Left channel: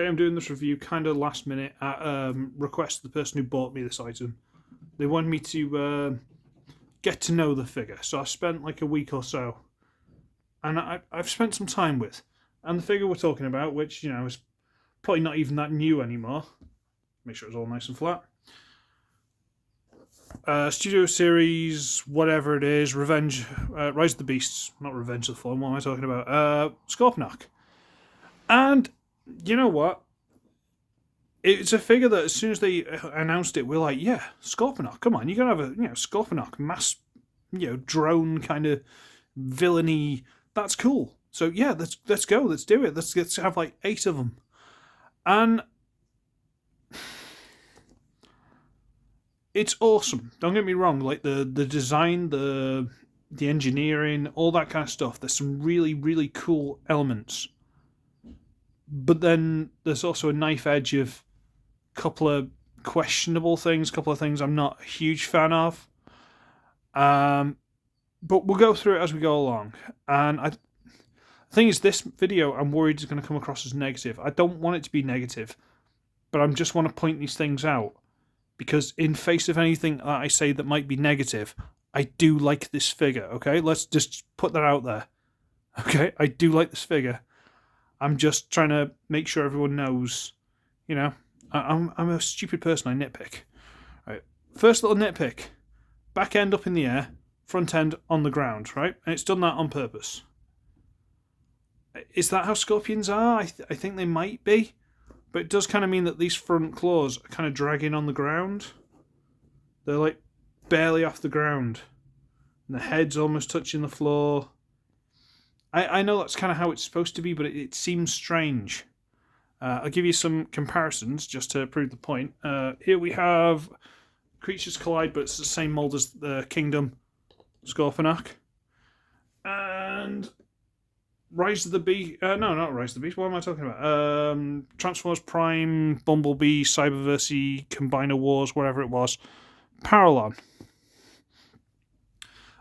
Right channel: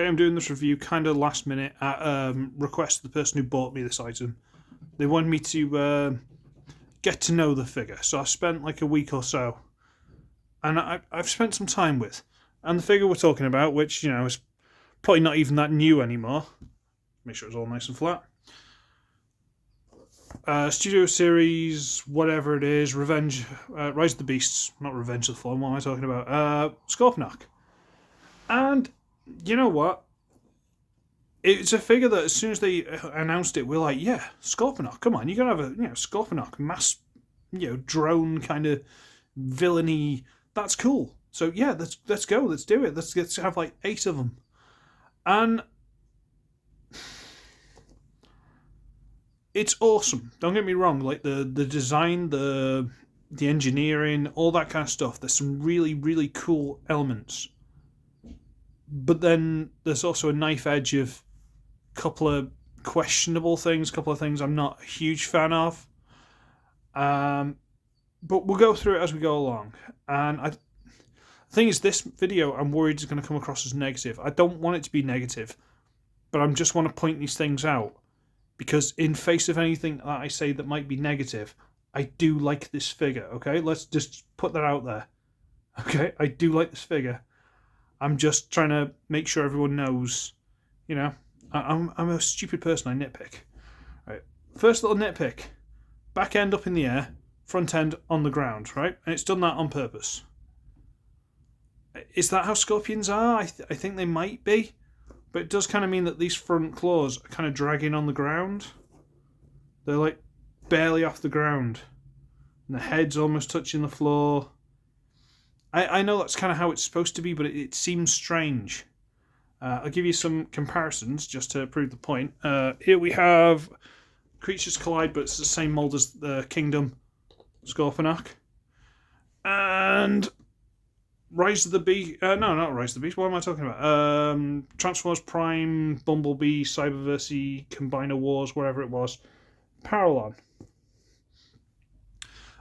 Okay, I'm doing this review kind of last minute at request of the person who bought me this item. They wanted me to get to know the figure, so I spent like a week or so, and I've spent some time with. And the figure we're talking about, which, you know, is probably not even that new anymore. Make sure it's all nice and flat. Studio Series, whatever it is, Rise of the Beasts, not Revenge of the Fallen, what am I talking about? Scorponok. And you know what? It's a figure that as soon as they announced it, we're like, yeah, Scorponok, come on, you gotta have a, Scorponok, mass, drone kind of villainy. That's cool. So yeah, let's go, let's do it. Let's have like 8 of them. And it's awesome. Don't get me wrong. Like the design, the engineering, all that kind of stuff. There's some really, really cool elements. But then there's also a knife edge of a couple of questionable things, a couple of things I'm not a huge fan of. But we'll go through it as we go along. And the thing is, this video I'm worried is going to come across as negative. I don't want it to be negative, but I just want to point these things out. Because in face of anything that I say that might be negative, I do like this figure, okay? Let's just put that out there. Okay? I do like this figure. I'm just trying to make sure everyone knows, I'm a stupid person, I nitpick. Right. First little nitpick. Back end up in the air, front end on the ground, right? And it's done that on purpose. Is that how scorpions are? I think they might be. But it does kind of mean that these front claws are kind of dragging on the ground. They're like barely off the ground. And the head's almost touching the floor. I know that's kind of how it's supposed to be, but it seems strange. I'll give you some comparisons just to prove the point. Here we have Creatures Collide, but it's the same mold as the Kingdom Scorponok. And Rise of the Beast. No, not Rise of the Beast. What am I talking about? Transformers Prime, Bumblebee, Cyberverse, Combiner Wars, whatever it was. Parallon.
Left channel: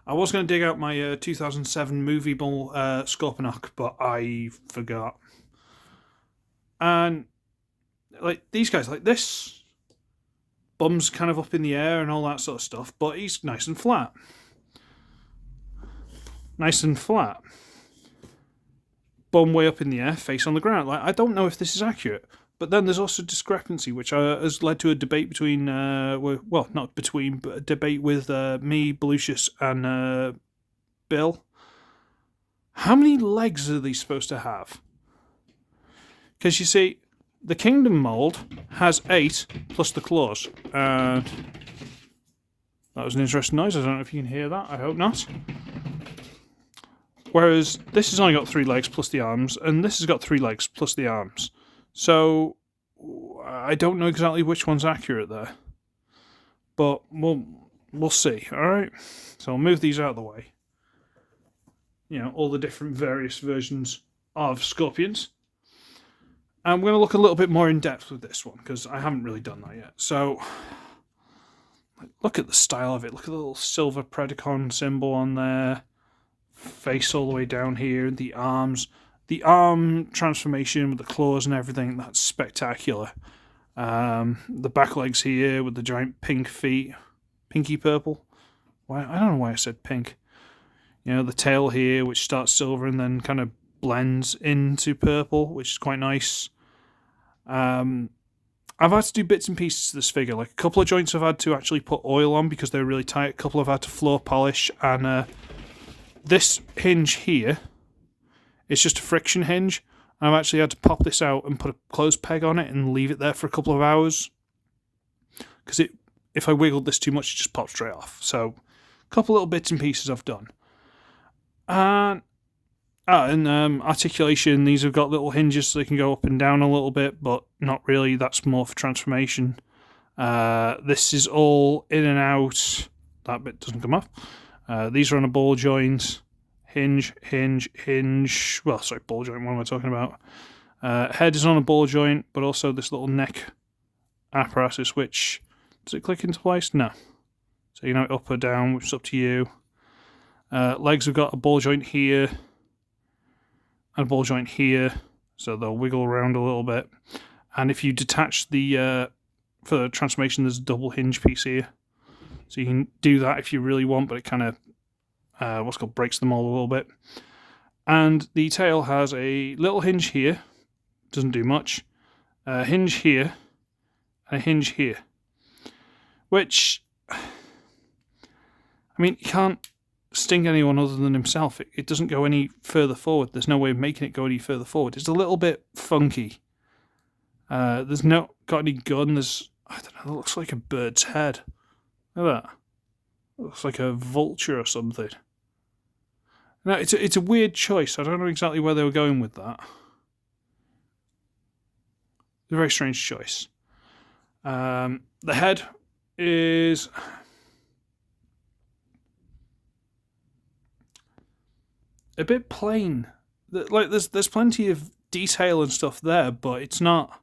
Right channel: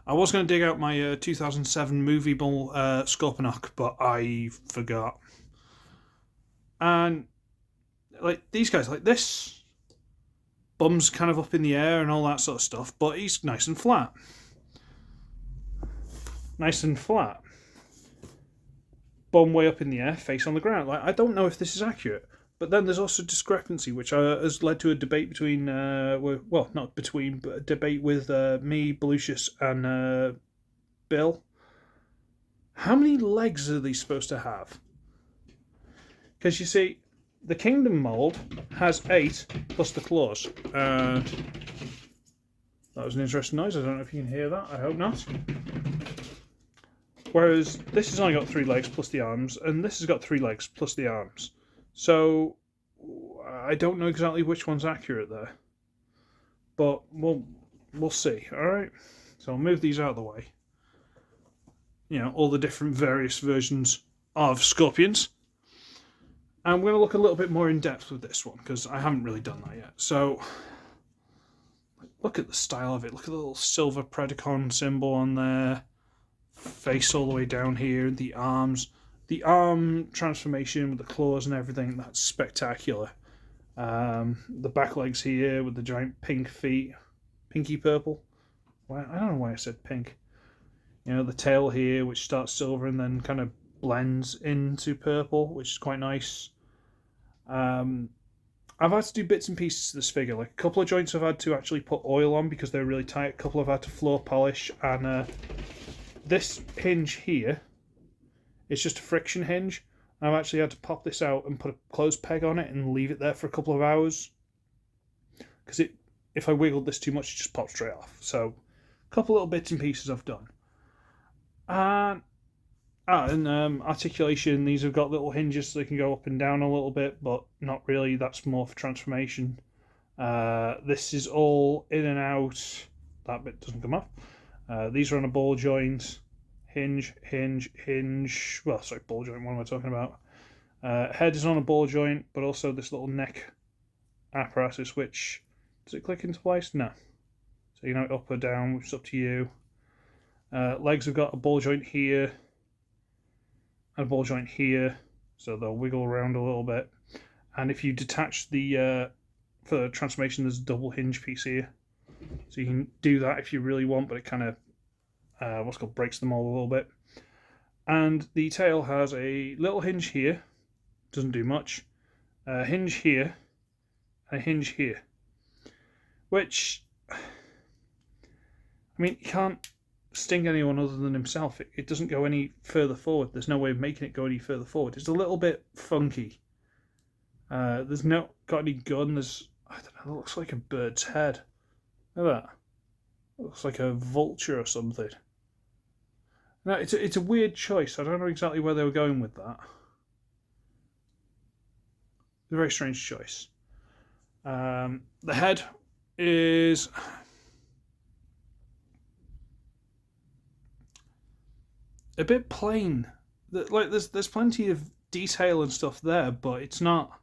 I was going to dig out my 2007 movie ball Scorponok, but I forgot. And like these guys, like this, bum's kind of up in the air and all that sort of stuff, but he's nice and flat. Nice and flat. Bum way up in the air, face on the ground. Like, I don't know if this is accurate. But then there's also discrepancy, which has led to a debate between, not between, but a debate with me, Belucius, and Bill. How many legs are these supposed to have? Because you see, the Kingdom mold has 8 plus the claws. And that was an interesting noise. I don't know if you can hear that. I hope not. Whereas this has only got 3 legs plus the arms, and this has got 3 legs plus the arms. So I don't know exactly which one's accurate there, but we'll see. All right. So I'll move these out of the way. All the different various versions of scorpions. I'm going to look a little bit more in depth with this one because I haven't really done that yet. So look at the style of it. Look at the little silver Predacon symbol on there. Face all the way down here. The arms. The arm transformation with the claws and everything, that's spectacular. The back legs here with the giant pink feet. Pinky purple. Why? I don't know why I said pink. The tail here, which starts silver and then kind of blends into purple, which is quite nice. I've had to do bits and pieces to this figure. Like a couple of joints I've had to actually put oil on because they're really tight. A couple I've had to floor polish. And this hinge here, it's just a friction hinge. I've actually had to pop this out and put a clothes peg on it and leave it there for a couple of hours. Because if I wiggled this too much, it just pops straight off. So, a couple little bits and pieces I've done. And articulation, these have got little hinges so they can go up and down a little bit, but not really. That's more for transformation. This is all in and out. That bit doesn't come off. These are on a ball joint. Hinge. Ball joint, what am I talking about? Head is on a ball joint, but also this little neck apparatus, which, does it click into place? No. So, up or down, which is up to you. Legs have got a ball joint here, and a ball joint here, so they'll wiggle around a little bit. And if you detach the for the transformation, there's a double hinge piece here, so you can do that if you really want, but it kind of what's called breaks them all a little bit. And the tail has a little hinge here, doesn't do much, a hinge here, and a hinge here, which, I mean, you can't sting anyone other than himself. It doesn't go any further forward. There's no way of making it go any further forward. It's a little bit funky. There's not got any gun. There's, I don't know, it looks like a bird's head. Look at that. It looks like a vulture or something. No, it's a weird choice. I don't know exactly where they were going with that. It's a very strange choice. The head is a bit plain. Like there's plenty of detail and stuff there, but it's not.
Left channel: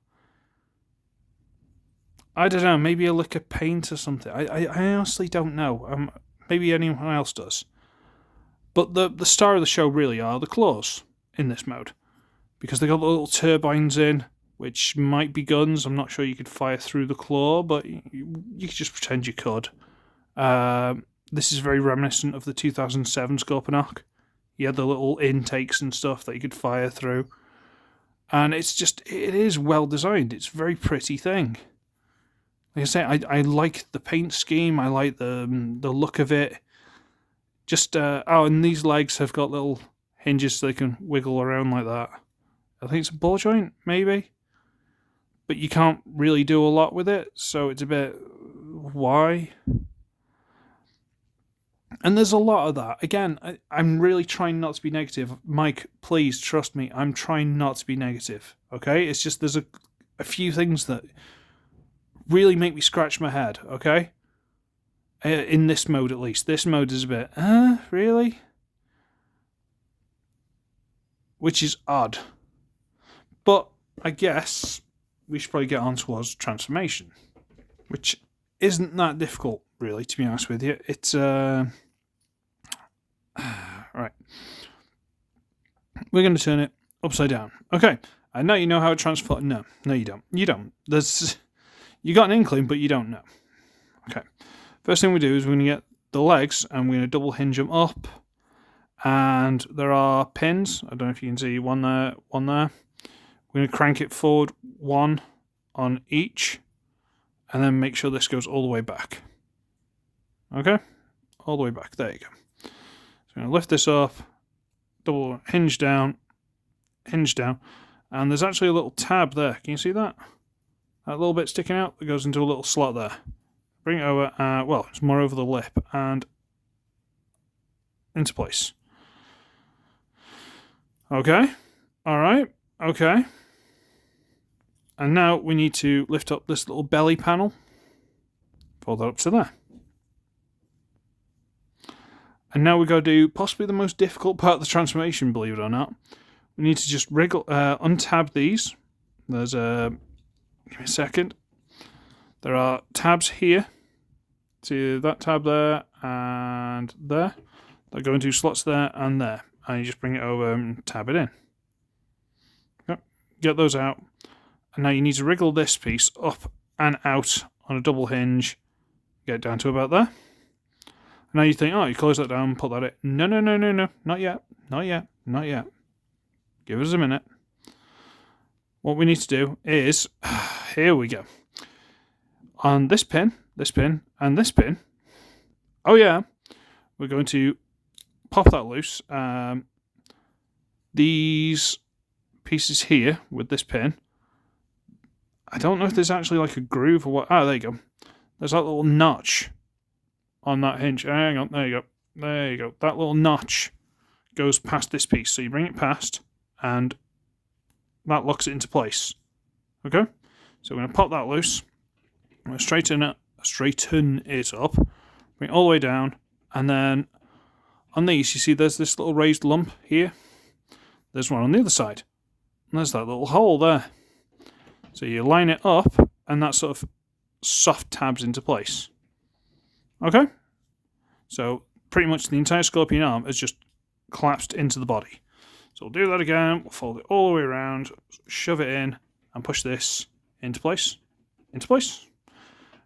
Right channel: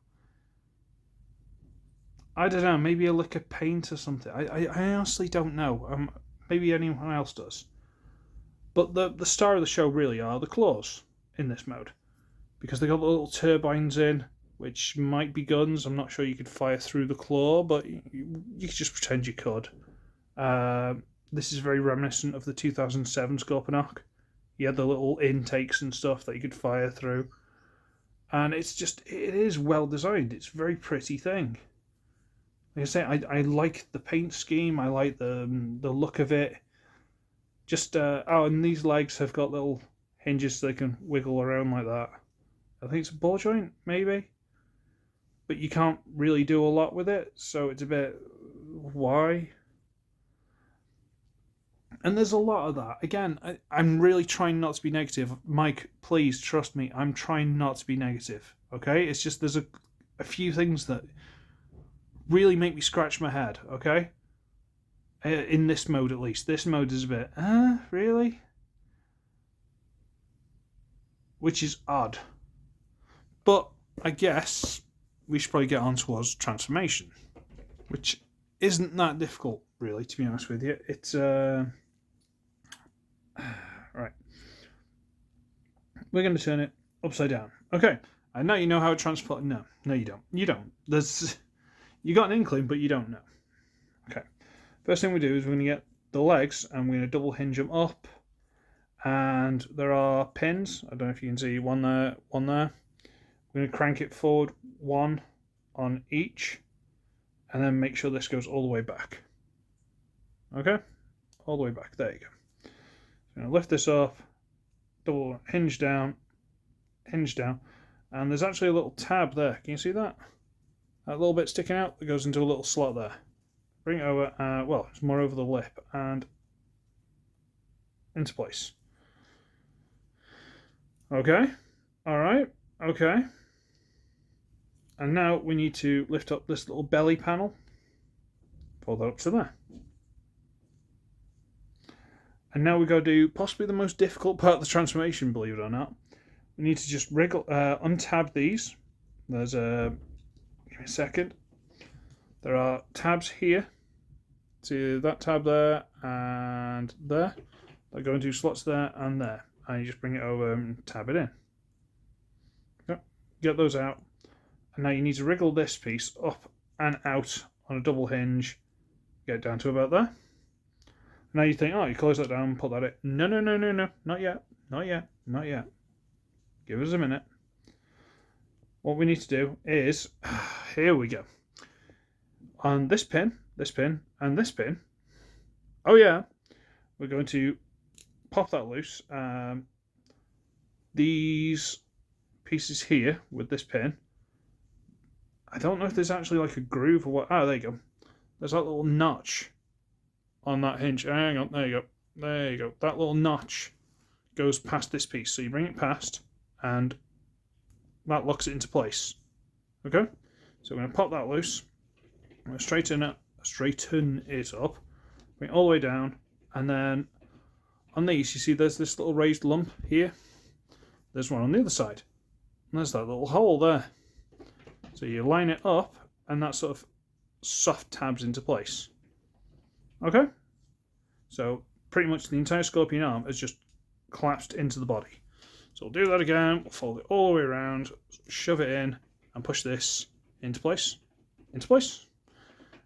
I don't know. Maybe a lick of paint or something. I honestly don't know. Maybe anyone else does. But the star of the show really are the claws in this mode, because they got the little turbines in, which might be guns. I'm not sure you could fire through the claw, but you could just pretend you could. This is very reminiscent of the 2007 Scorponok. You had the little intakes and stuff that you could fire through. And it is well designed. It's a very pretty thing. Like I say, I like the paint scheme. I like the look of it. Just, and these legs have got little hinges so they can wiggle around like that. I think it's a ball joint, maybe. But you can't really do a lot with it, so it's a bit, why? And there's a lot of that. Again, I'm really trying not to be negative. Mike, please trust me. I'm trying not to be negative. Okay? It's just there's a few things that really make me scratch my head. Okay? In this mode, at least. This mode is a bit, really? Which is odd. But I guess we should probably get on towards transformation, which isn't that difficult, really, to be honest with you. It's, right. We're going to turn it upside down. Okay. I know you know how to transform. No, you don't. You don't. You got an inkling, but you don't know. Okay. First thing we do is we're going to get the legs, and we're going to double hinge them up. And there are pins. I don't know if you can see one there, one there. We're going to crank it forward, one on each, and then make sure this goes all the way back. Okay? All the way back. There you go. So I'm going to lift this up, double hinge down, and there's actually a little tab there. Can you see that? That little bit sticking out that goes into a little slot there. Bring it over, well, it's more over the lip, and into place. Okay. Alright. Okay. And now we need to lift up this little belly panel. Fold that up to there. And now we've got to do possibly the most difficult part of the transformation, believe it or not. We need to just wriggle, untab these. There's a... Give me a second. There are tabs here. To that tab there and there. They go into slots there and there. And you just bring it over and tab it in. Yep. Get those out. And now you need to wriggle this piece up and out on a double hinge. Get it down to about there. Now you think, oh, you close that down, put that in. No. Not yet. Give us a minute. What we need to do is, here we go. On this pin, and this pin, oh yeah, we're going to pop that loose. These pieces here with this pin, I don't know if there's actually like a groove or what. Ah, there you go. There's that little notch on that hinge. Hang on, there you go. That little notch goes past this piece. So you bring it past, and that locks it into place. Okay? So we're going to pop that loose. I'm going to straighten it up, bring it all the way down, and then on these, you see there's this little raised lump here. There's one on the other side. And there's that little hole there. So you line it up, and that sort of soft tabs into place. Okay? So pretty much the entire scorpion arm has just collapsed into the body. So we'll do that again. We'll fold it all the way around, shove it in, and push this into place, into place.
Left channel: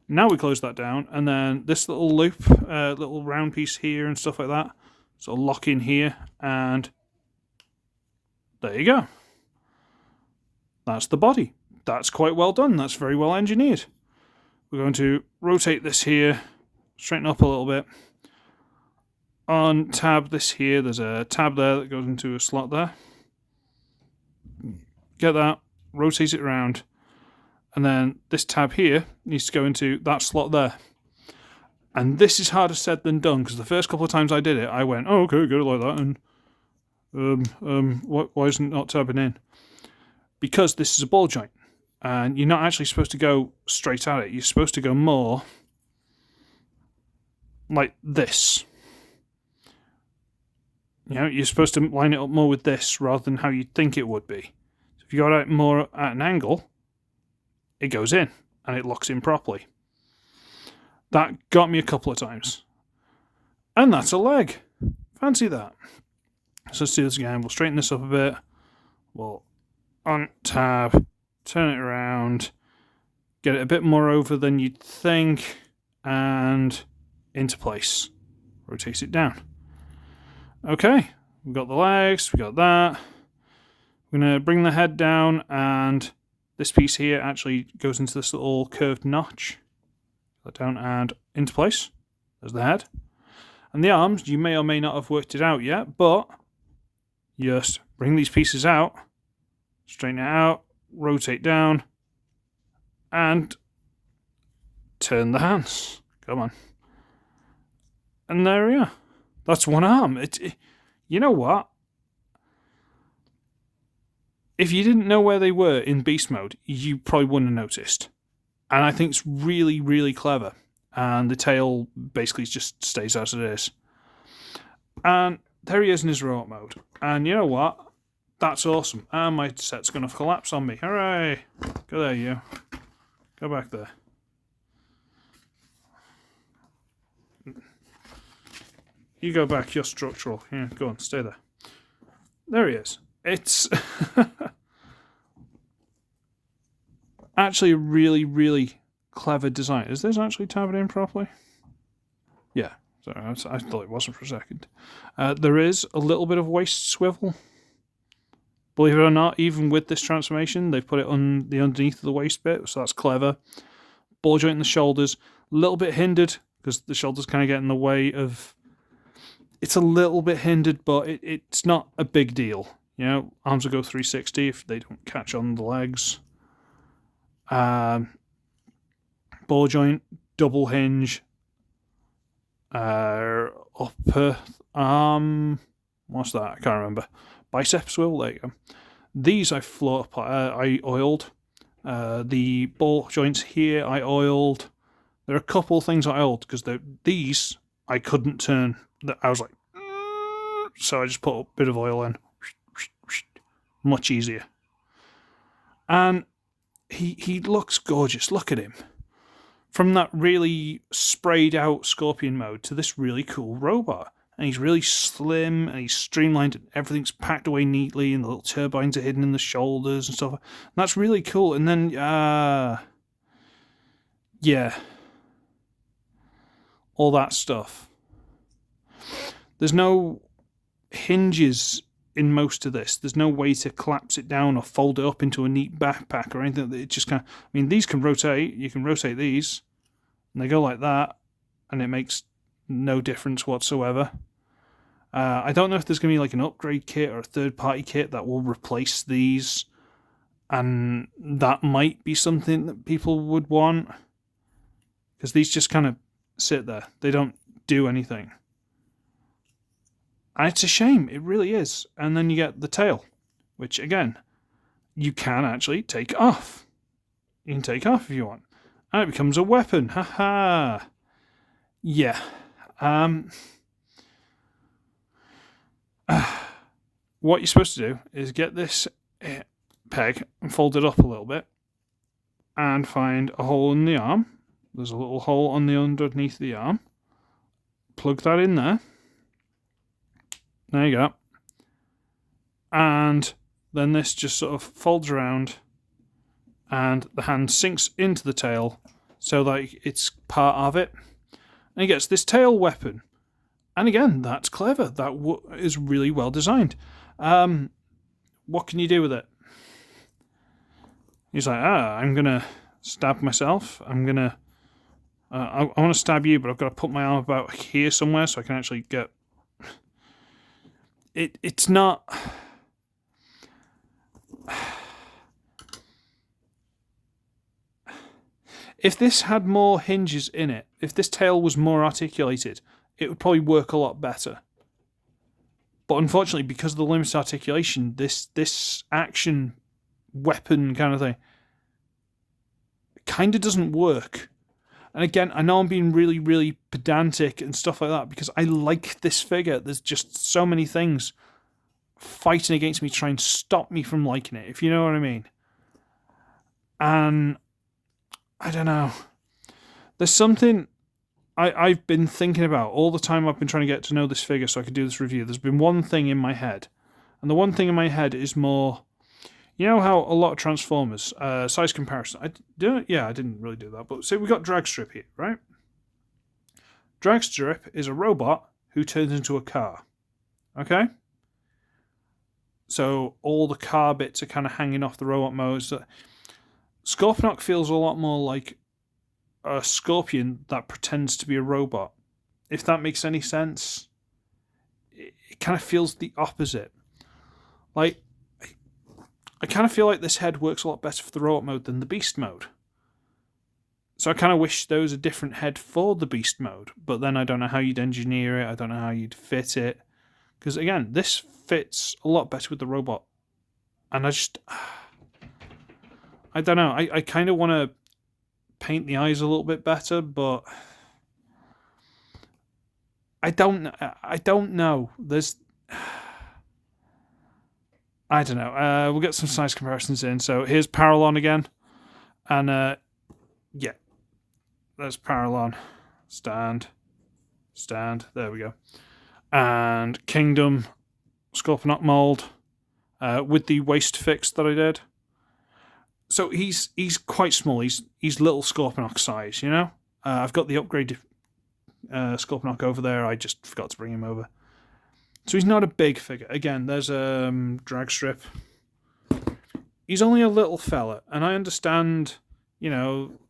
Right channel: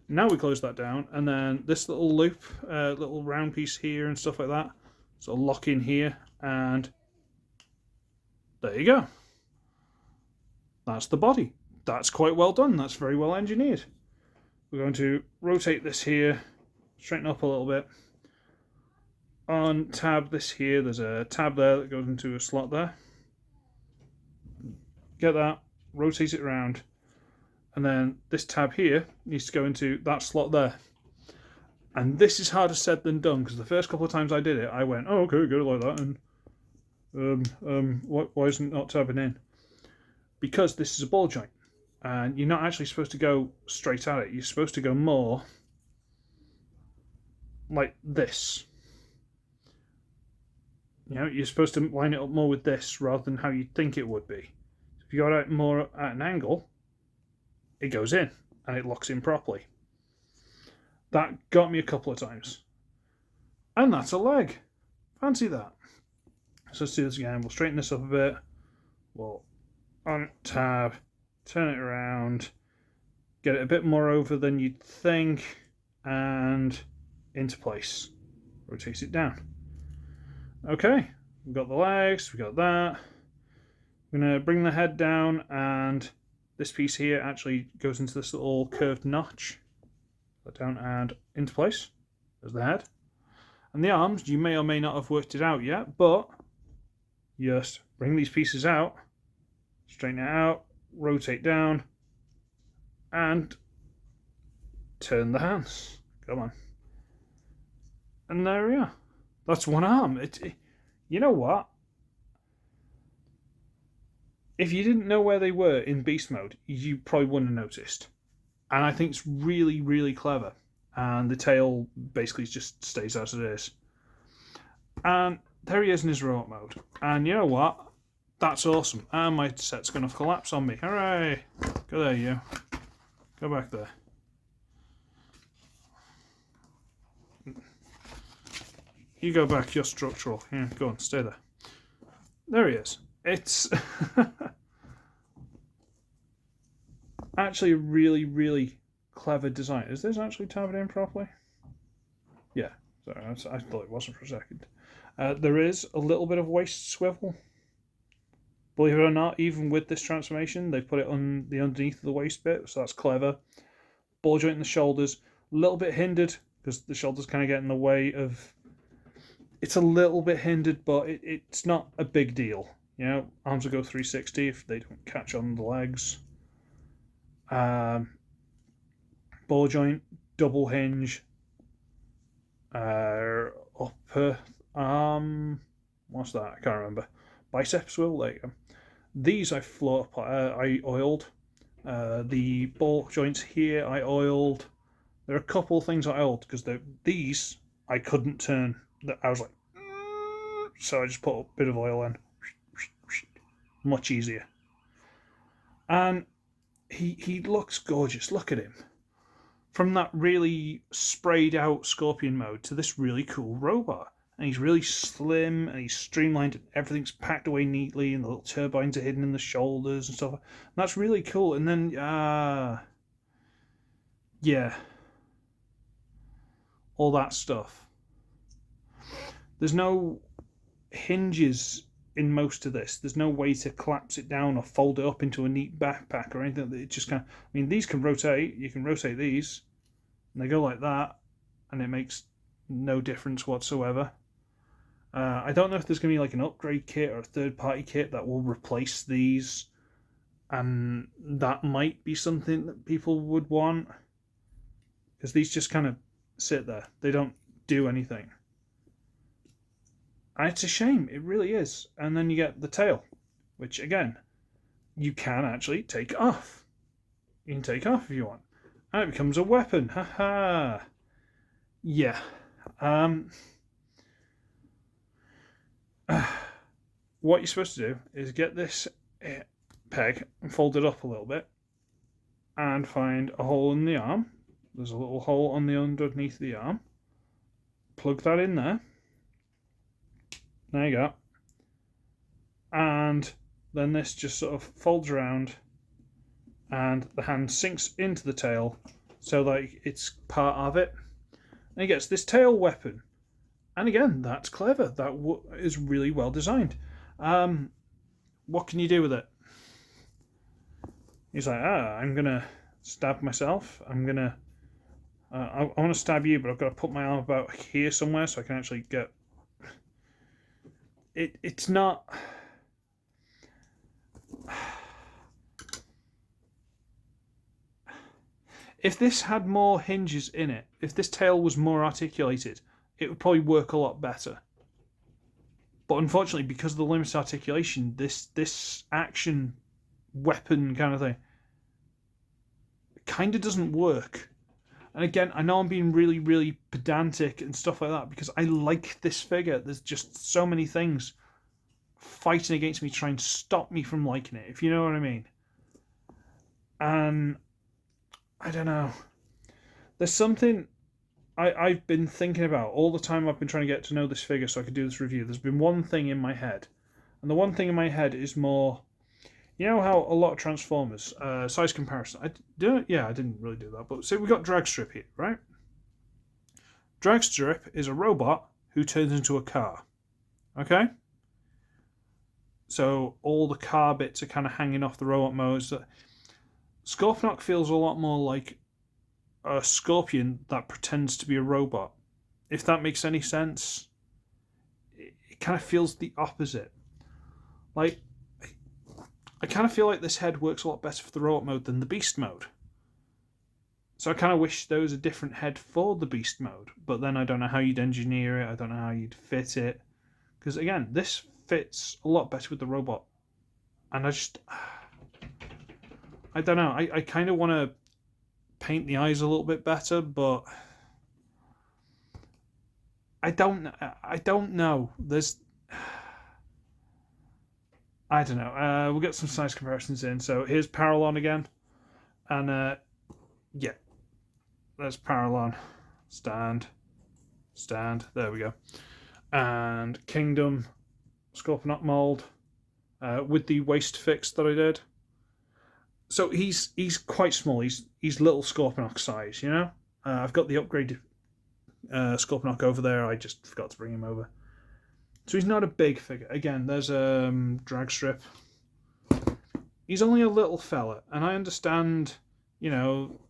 Now we close that down, and then this little loop, little round piece here and stuff like that, so lock in here, and there you go. That's the body. That's quite well done. That's very well engineered. We're going to rotate this here, straighten up a little bit. On tab this here, there's a tab there that goes into a slot there. Get that, rotate it around, and then this tab here needs to go into that slot there. And this is harder said than done, because the first couple of times I did it, I went, oh, okay, go like that, and why isn't it not tabbing in? Because this is a ball joint, and you're not actually supposed to go straight at it. You're supposed to go more like this. You know, you're supposed to line it up more with this rather than how you'd think it would be. So if you got it more at an angle, it goes in and it locks in properly. That got me a couple of times. And that's a leg. Fancy that. So let's do this again. We'll straighten this up a bit. We'll on tab, turn it around, get it a bit more over than you'd think, and into place. Rotate it down. Okay, we've got the legs, we've got that. We're going to bring the head down, and this piece here actually goes into this little curved notch. That down and into place. There's the head. And the arms, you may or may not have worked it out yet, but just bring these pieces out, straighten it out, rotate down, and turn the hands. Come on. And there we are. That's one arm. You know what? If you didn't know where they were in beast mode, you probably wouldn't have noticed. And I think it's really, really clever. And the tail basically just stays as it is. And there he is in his robot mode. And you know what? That's awesome. And my set's going to collapse on me. Hooray! Go there, you. Go back there. You go back, you're structural. Yeah, go on, stay there. There he is. It's actually a really, really clever design. Is this actually tabbed in properly? Yeah, sorry, I thought it wasn't for a second. There is a little bit of waist swivel. Believe it or not, even with this transformation, they've put it on the underneath of the waist bit, so that's clever. Ball joint in the shoulders, a little bit hindered, because the shoulders kind of get in the way of... It's a little bit hindered, but it's not a big deal. You know, arms will go 360 if they don't catch on the legs. Ball joint, double hinge, upper arm, what's that? I can't remember. Bicep swivel, there you go. These I I oiled. The ball joints here I oiled. There are a couple of things I oiled because these I couldn't turn. I was like, so I just put a bit of oil in. Much easier. And he looks gorgeous. Look at him. From that really sprayed out Scorpion mode to this really cool robot. And he's really slim and he's streamlined and everything's packed away neatly and the little turbines are hidden in the shoulders and stuff. And that's really cool. And then, yeah. All that stuff. There's no hinges in most of this. There's no way to collapse it down or fold it up into a neat backpack or anything. It just kind of, I mean, these can rotate. You can rotate these and they go like that and it makes no difference whatsoever. I don't know if there's going to be like an upgrade kit or a third-party kit that will replace these, and that might be something that people would want, because these just kind of sit there. They don't do anything. And it's a shame. It really is. And then you get the tail, which, again, you can actually take off. You can take off if you want. And it becomes a weapon. Haha. Yeah. What you're supposed to do is get this peg and fold it up a little bit and find a hole in the arm. There's a little hole on the underneath the arm. Plug that in there. There you go. And then this just sort of folds around and the hand sinks into the tail so that it's part of it. And he gets this tail weapon. And again, that's clever. That is really well designed. What can you do with it? He's like, I'm going to stab myself. I'm going to... I want to stab you, but I've got to put my arm about here somewhere so I can actually get... It's not... If this had more hinges in it, if this tail was more articulated, it would probably work a lot better. But unfortunately, because of the limited articulation, this action weapon kind of thing kind of doesn't work. And again, I know I'm being really, really pedantic and stuff like that because I like this figure. There's just so many things fighting against me to try and stop me from liking it, if you know what I mean. And I don't know. There's something I've been thinking about all the time I've been trying to get to know this figure so I could do this review. There's been one thing in my head. And the one thing in my head is more... You know how a lot of Transformers, size comparison... I didn't really do that. But say we got Dragstrip here, right? Dragstrip is a robot who turns into a car. Okay? So all the car bits are kind of hanging off the robot modes. Scorponok feels a lot more like a scorpion that pretends to be a robot. If that makes any sense. It kind of feels the opposite. Like, I kind of feel like this head works a lot better for the robot mode than the beast mode. So I kind of wish there was a different head for the beast mode. But then I don't know how you'd engineer it. I don't know how you'd fit it. Because again, this fits a lot better with the robot. And I don't know. I kind of want to paint the eyes a little bit better, but I don't know. I don't know. We'll get some size comparisons in. So here's Paralon again. And yeah. There's Paralon. Stand. There we go. And Kingdom Scorponok mold with the waist fix that I did. So he's quite small. He's little Scorponok size, you know. I've got the upgraded Scorponok over there. I just forgot to bring him over. So he's not a big figure. Again, there's Dragstrip. He's only a little fella, and I understand, you know,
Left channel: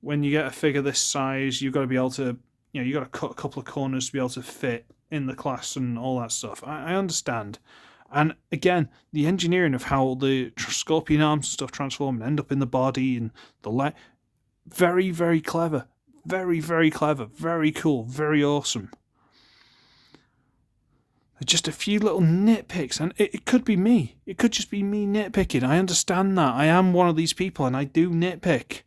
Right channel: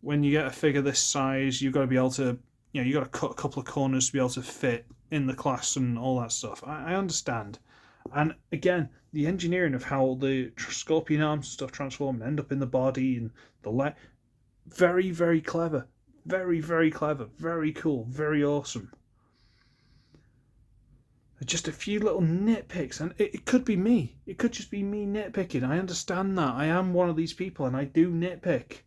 when you get a figure this size, you've got to be able to, you know, you've got to cut a couple of corners to be able to fit in the class and all that stuff. I understand. And again, the engineering of how the scorpion arms and stuff transform and end up in the body and the leg, very, very clever. Very, very clever. Very cool. Very awesome. Just a few little nitpicks, and it could be me. It could just be me nitpicking. I understand that. I am one of these people, and I do nitpick.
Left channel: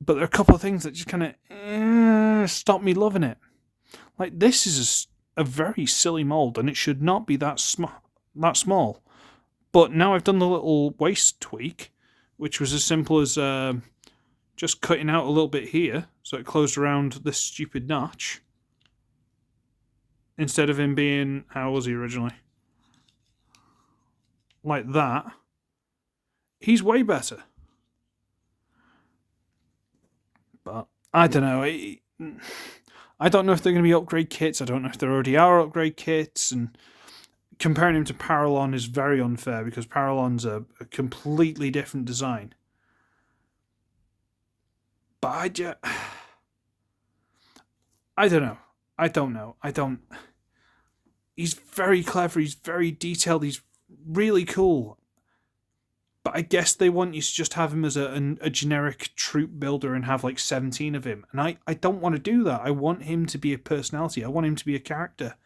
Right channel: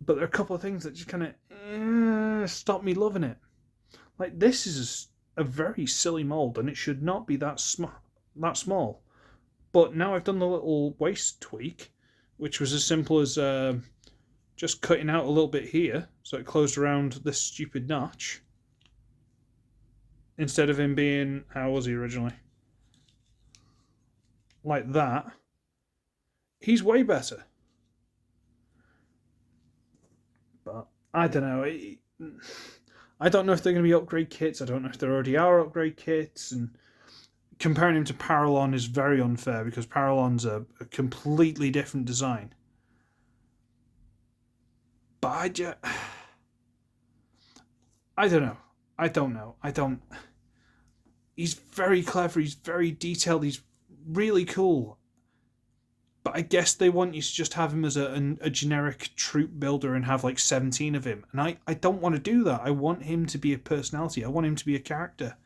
But there are a couple of things that just kind of stop me loving it. Like, this is a very silly mold, and it should not be that small. But now I've done the little waist tweak, which was as simple as just cutting out a little bit here, so it closed around this stupid notch. Instead of him being, how was he originally? Like that. He's way better. But I don't know. I don't know if they're going to be upgrade kits. I don't know if there already are upgrade kits. And comparing him to Paralon is very unfair because Paralon's a completely different design. But I don't know. He's very clever. He's very detailed. He's really cool. But I guess they want you to just have him as a generic troop builder and have like 17 of him. And I don't want to do that. I want him to be a personality. I want him to be a character.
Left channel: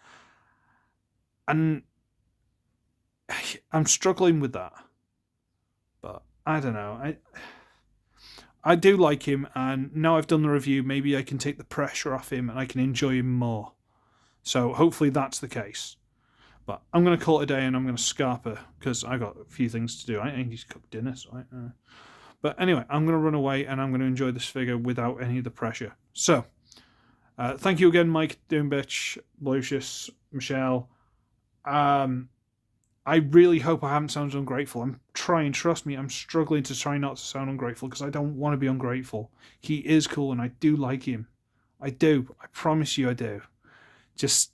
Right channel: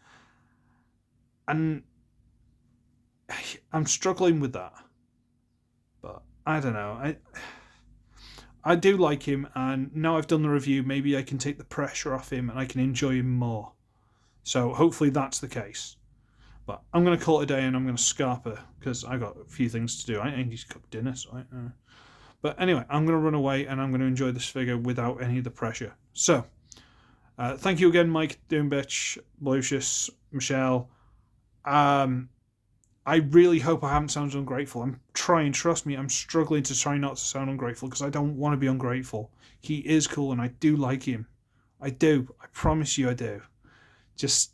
And I'm struggling with that. But I don't know. I do like him, and now I've done the review, maybe I can take the pressure off him and I can enjoy him more. So hopefully that's the case. But I'm going to call it a day and I'm going to scarper because I got a few things to do. I need to cook dinner. So But anyway, I'm going to run away and I'm going to enjoy this figure without any of the pressure. So, thank you again, Mike, Doombitch, Lucius, Michelle. I really hope I haven't sounded ungrateful. I'm trying, trust me, I'm struggling to try not to sound ungrateful because I don't want to be ungrateful. He is cool and I do like him. I do. I promise you I do. Just,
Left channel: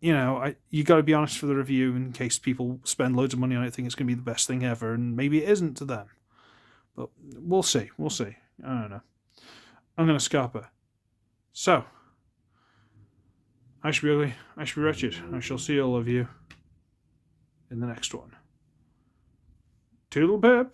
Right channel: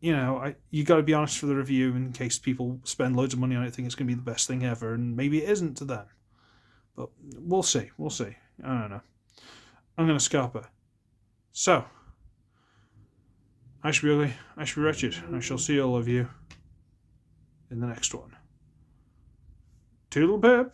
you got to be honest for the review in case people spend loads of money on it, think it's going to be the best thing ever, and maybe it isn't to them. But we'll see. We'll see. I don't know. I'm going to Scarpa. So, I should be ugly. I should be wretched. I shall see all of you in the next one. Toodle pip.